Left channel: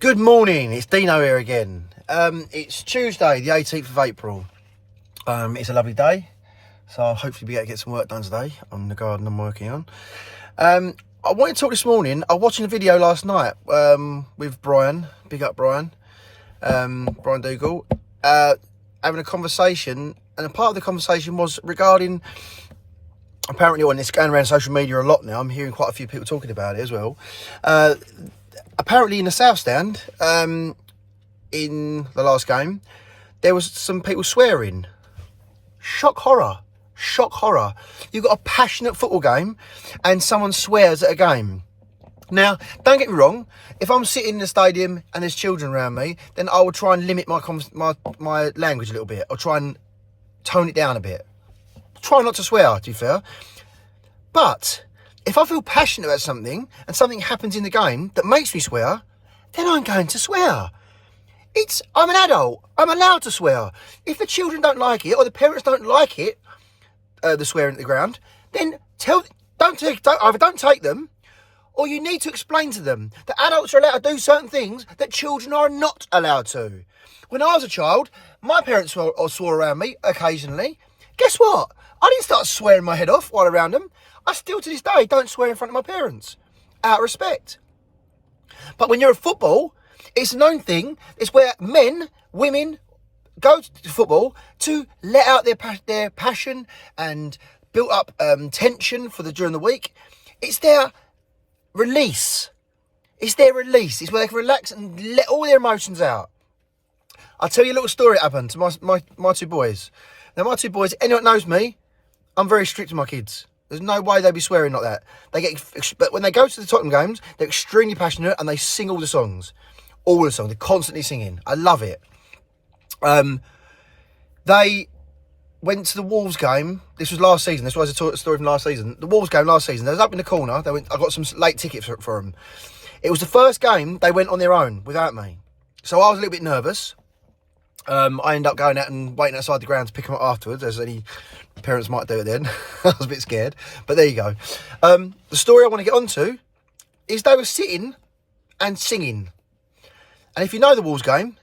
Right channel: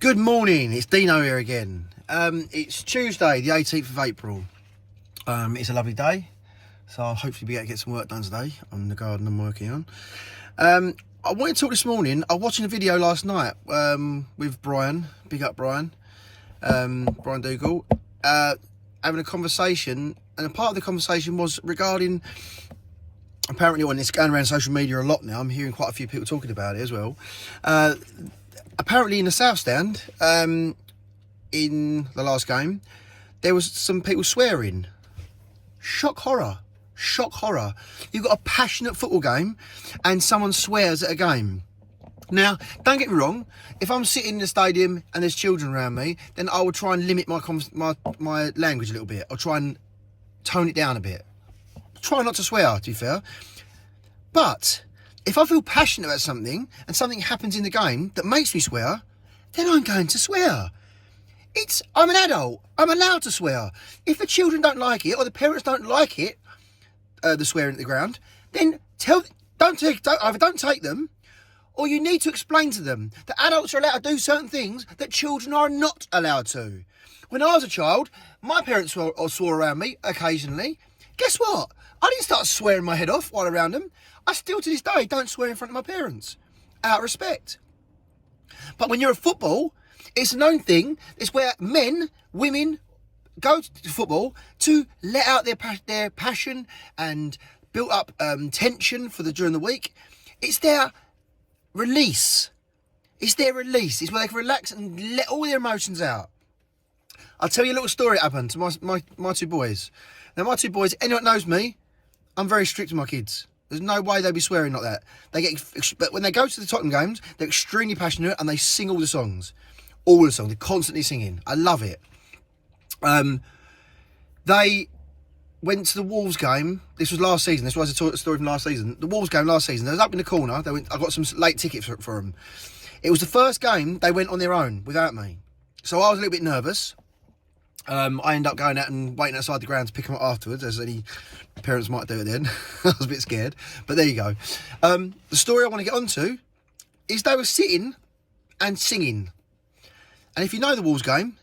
Good morning, it's Dino here again. It's Tuesday, the 18th of April. It's a lovely day, so I'll hopefully be able to get some work done today on the garden I'm working on. I wanted to talk this morning. I was watching a video last night with Brian, big up Brian, Brian Dougal, having a conversation, and a part of the conversation was regarding, apparently on this going around social media a lot now, I'm hearing quite a few people talking about it as well. Apparently in the South Stand, in the last game, there was some people swearing. Shock horror. You've got a passionate football game and someone swears at a game. Now, don't get me wrong, if I'm sitting in the stadium and there's children around me, then I will try and limit my language a little bit. I'll try and tone it down a bit. Try not to swear, to be fair. But if I feel passionate about something and something happens in the game that makes me swear, then I'm going to swear. I'm an adult. I'm allowed to swear. If the children don't like it or the parents don't like it, the swearing at the ground, then either don't take them, or you need to explain to them that adults are allowed to do certain things that children are not allowed to. When I was a child, my parents swore around me occasionally. Guess what? I didn't start swearing my head off while around them. I still, to this day, don't swear in front of my parents, out of respect. But when you're at football, it's a known thing. It's where men, women go to football to let out their passion and build up tension during the week. It's their release. It's where they can relax and let all their emotions out. I'll tell you a little story that happened to my two boys. Now, my two boys, anyone that knows me, I'm very strict with my kids. There's no way they'd be swearing like that. But when they go to the Tottenham games, they're extremely passionate and they sing all the songs. All the songs. They're constantly singing. I love it. They went to the Wolves game. This was last season. This was a story from last season. The Wolves game last season. They was up in the corner. I got some late tickets for them. It was the first game they went on their own without me. So I was a little bit nervous. I ended up going out and waiting outside the ground to pick them up afterwards, as any parents might do it then. I was a bit scared, but there you go. The story I want to get onto is they were sitting and singing. And if you know the Wolves game,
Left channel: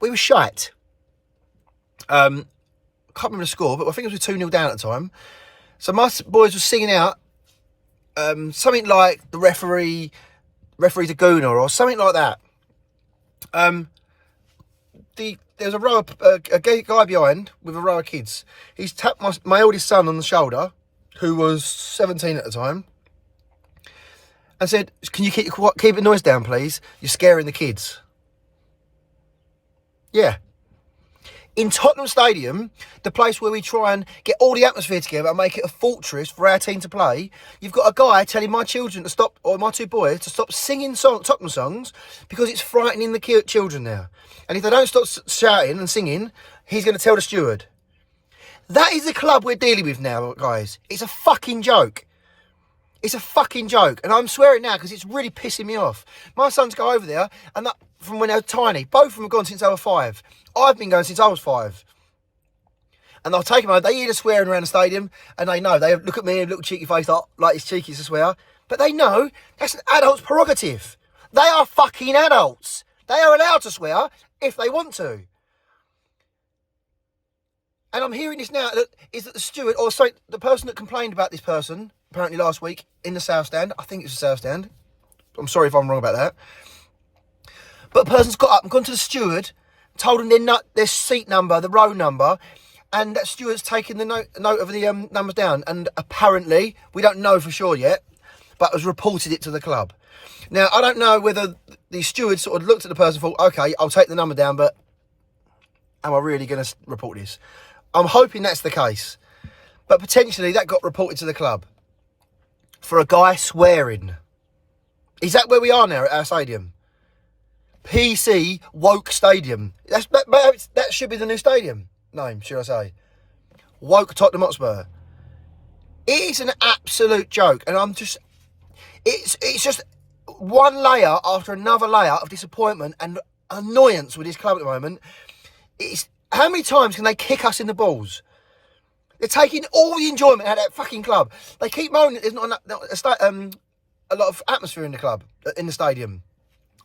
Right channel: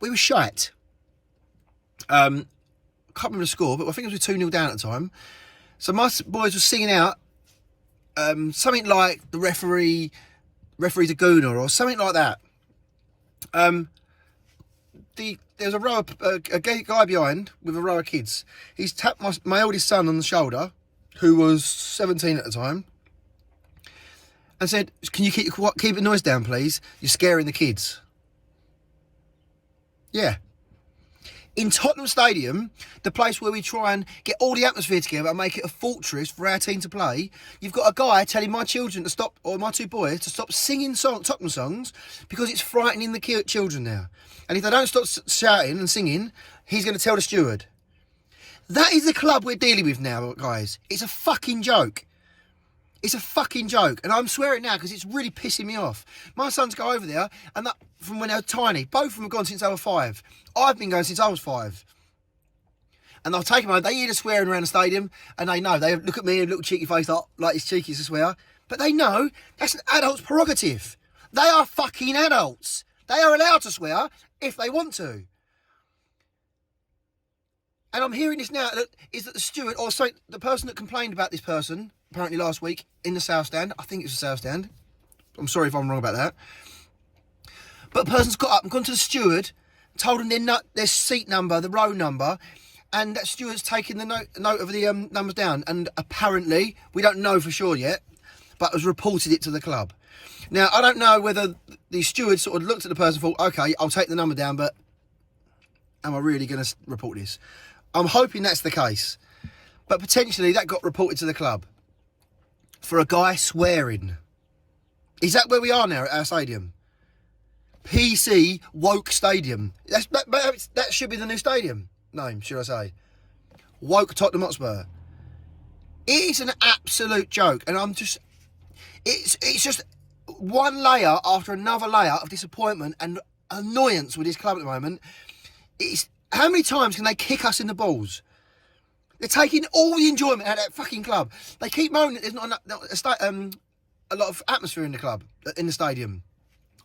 we were shite. Can't remember the score, but I think it was 2-0 down at the time. So my boys were singing out something like the referee's a gooner or something like that. There's a guy behind with a row of kids. He's tapped my eldest son on the shoulder, who was 17 at the time, and said, "Can you keep the noise down, please? You're scaring the kids." Yeah. In Tottenham Stadium, the place where we try and get all the atmosphere together and make it a fortress for our team to play, you've got a guy telling my children to stop, or my two boys, to stop singing Tottenham songs because it's frightening the children now. And if they don't stop shouting and singing, he's going to tell the steward. That is the club we're dealing with now, guys. It's a fucking joke. It's a fucking joke. And I'm swearing now because it's really pissing me off. My sons go over there, and from when they were tiny. Both of them have gone since they were 5. I've been going since I was 5. And I'll take them over. They hear the swearing around the stadium, and they know. They look at me, a little cheeky face, like it's cheeky to swear. But they know that's an adult's prerogative. They are fucking adults. They are allowed to swear if they want to. And I'm hearing this now, that the steward, or sorry, the person that complained about this person, apparently last week, in the South Stand. I think it's the South Stand. I'm sorry if I'm wrong about that. But the person's got up and gone to the steward, told him their seat number, the row number, and that steward's taken the note of the numbers down. And apparently, we don't know for sure yet, but has reported it to the club. Now, I don't know whether the steward sort of looked at the person and thought, okay, I'll take the number down, but am I really going to report this? I'm hoping that's the case. But potentially that got reported to the club for a guy swearing. Is that where we are now at our stadium? PC Woke Stadium. That should be the new stadium name, should I say. Woke Tottenham Hotspur. It is an absolute joke. And it's just one layer after another layer of disappointment and annoyance with this club at the moment. How many times can they kick us in the balls? They're taking all the enjoyment out of that fucking club. They keep moaning that there's not a lot of atmosphere in the club, in the stadium.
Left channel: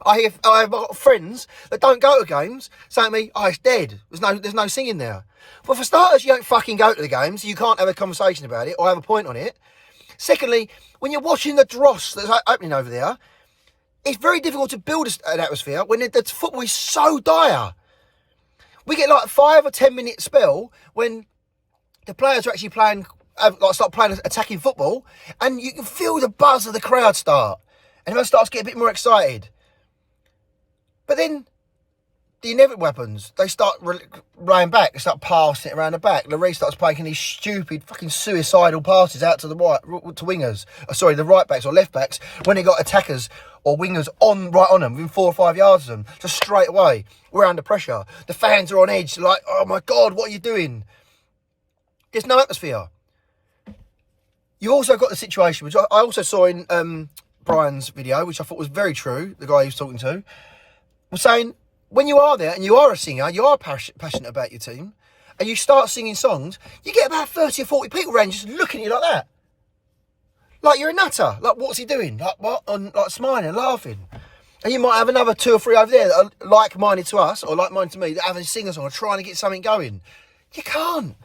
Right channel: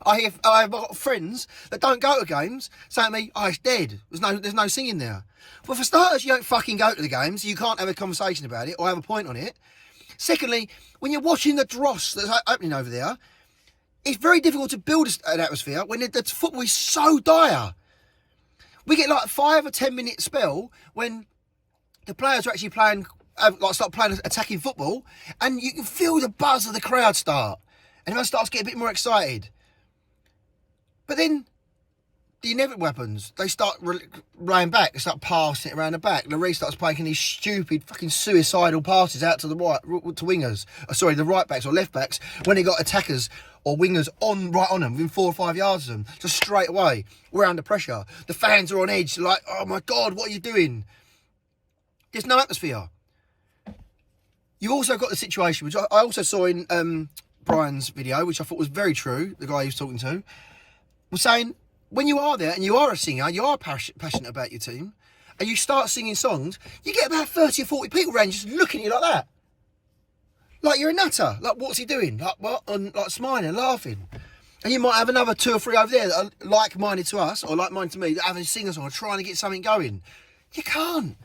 I've got friends that don't go to games saying to me, oh, it's dead. There's no singing there. Well, for starters, you don't fucking go to the games. You can't have a conversation about it or have a point on it. Secondly, when you're watching the dross that's opening over there, it's very difficult to build an atmosphere when the football is so dire. We get like 5 or 10 minute spell when the players are actually playing, start playing attacking football, and you can feel the buzz of the crowd start. And everyone starts to get a bit more excited. But then the inevitable happens. They start laying back. They start passing it around the back. Lloris starts making these stupid, fucking suicidal passes out to the right, to wingers. The right backs or left backs when they got attackers or wingers right on them, within 4 or 5 yards of them, just straight away. We're under pressure. The fans are on edge, like, oh my God, what are you doing? There's no atmosphere. You also got the situation, which I also saw in Brian's video, which I thought was very true, the guy he was talking to, was saying, when you are there and you are a singer, you are passionate about your team, and you start singing songs, you get about 30 or 40 people around just looking at you like that. Like you're a nutter. Like, what's he doing? Like, what? And like smiling and laughing. And you might have another 2 or 3 over there that are like-minded to us, or like-minded to me, that have a singer song or trying to get something going. You can't.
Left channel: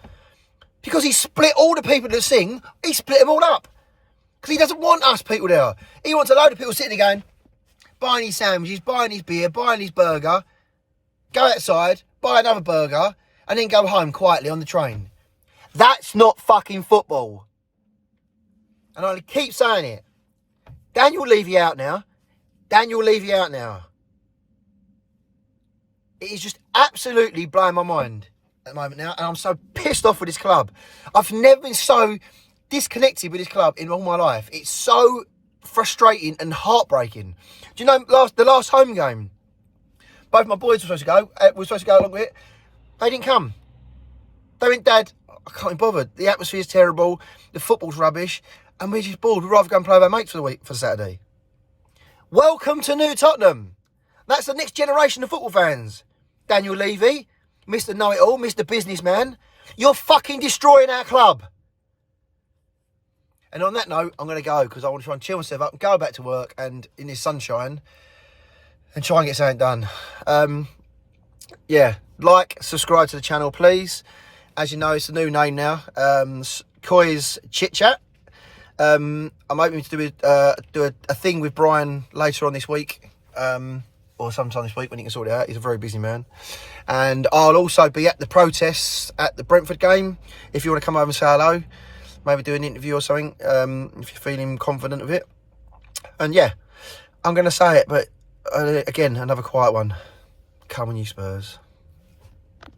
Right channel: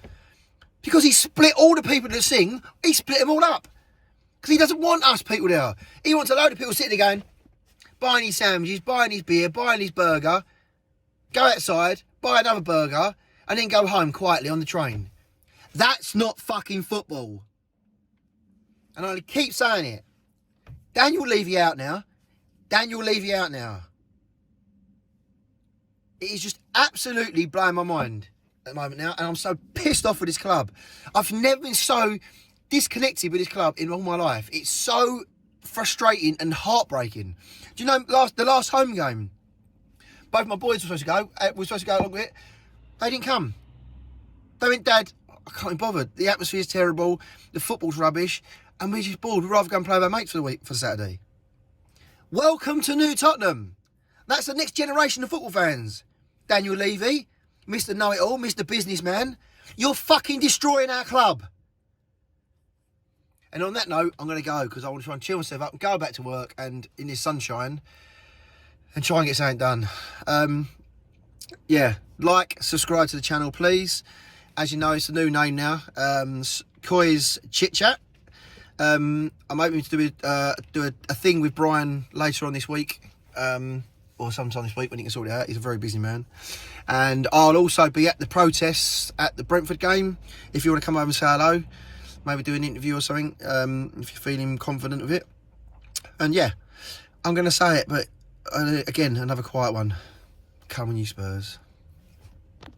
Because he split all the people that sing, he split them all up. Because he doesn't want us people there. He wants a load of people sitting there going, buying his sandwiches, buying his beer, buying his burger, go outside, buy another burger, and then go home quietly on the train. That's not fucking football. And I keep saying it. Daniel Levy out now. Daniel Levy out now. It is just absolutely blowing my mind at the moment now, and I'm so pissed off with this club. I've never been so disconnected with this club in all my life. It's so frustrating and heartbreaking. Do you know the last home game? Both my boys were supposed to go along with it. They didn't come. They went, Dad, I can't be bothered. The atmosphere's terrible. The football's rubbish. And we're just bored. We'd rather go and play with our mates for Saturday. Welcome to New Tottenham. That's the next generation of football fans. Daniel Levy, Mr. Know-It-All, Mr. Businessman. You're fucking destroying our club. And on that note, I'm going to go because I want to try and chill myself up and go back to work and in this sunshine and try and get something done. Yeah, like, subscribe to the channel, please. As you know, it's a new name now. COYS Chit-Chat. I'm hoping to do a thing with Brian later on this week, or sometime this week when he can sort it out. He's a very busy man. And I'll also be at the protests at the Brentford game. If you want to come over and say hello, maybe do an interview or something, if you're feeling confident of it. And yeah, I'm going to say it, but again, another quiet one. Come on, you Spurs.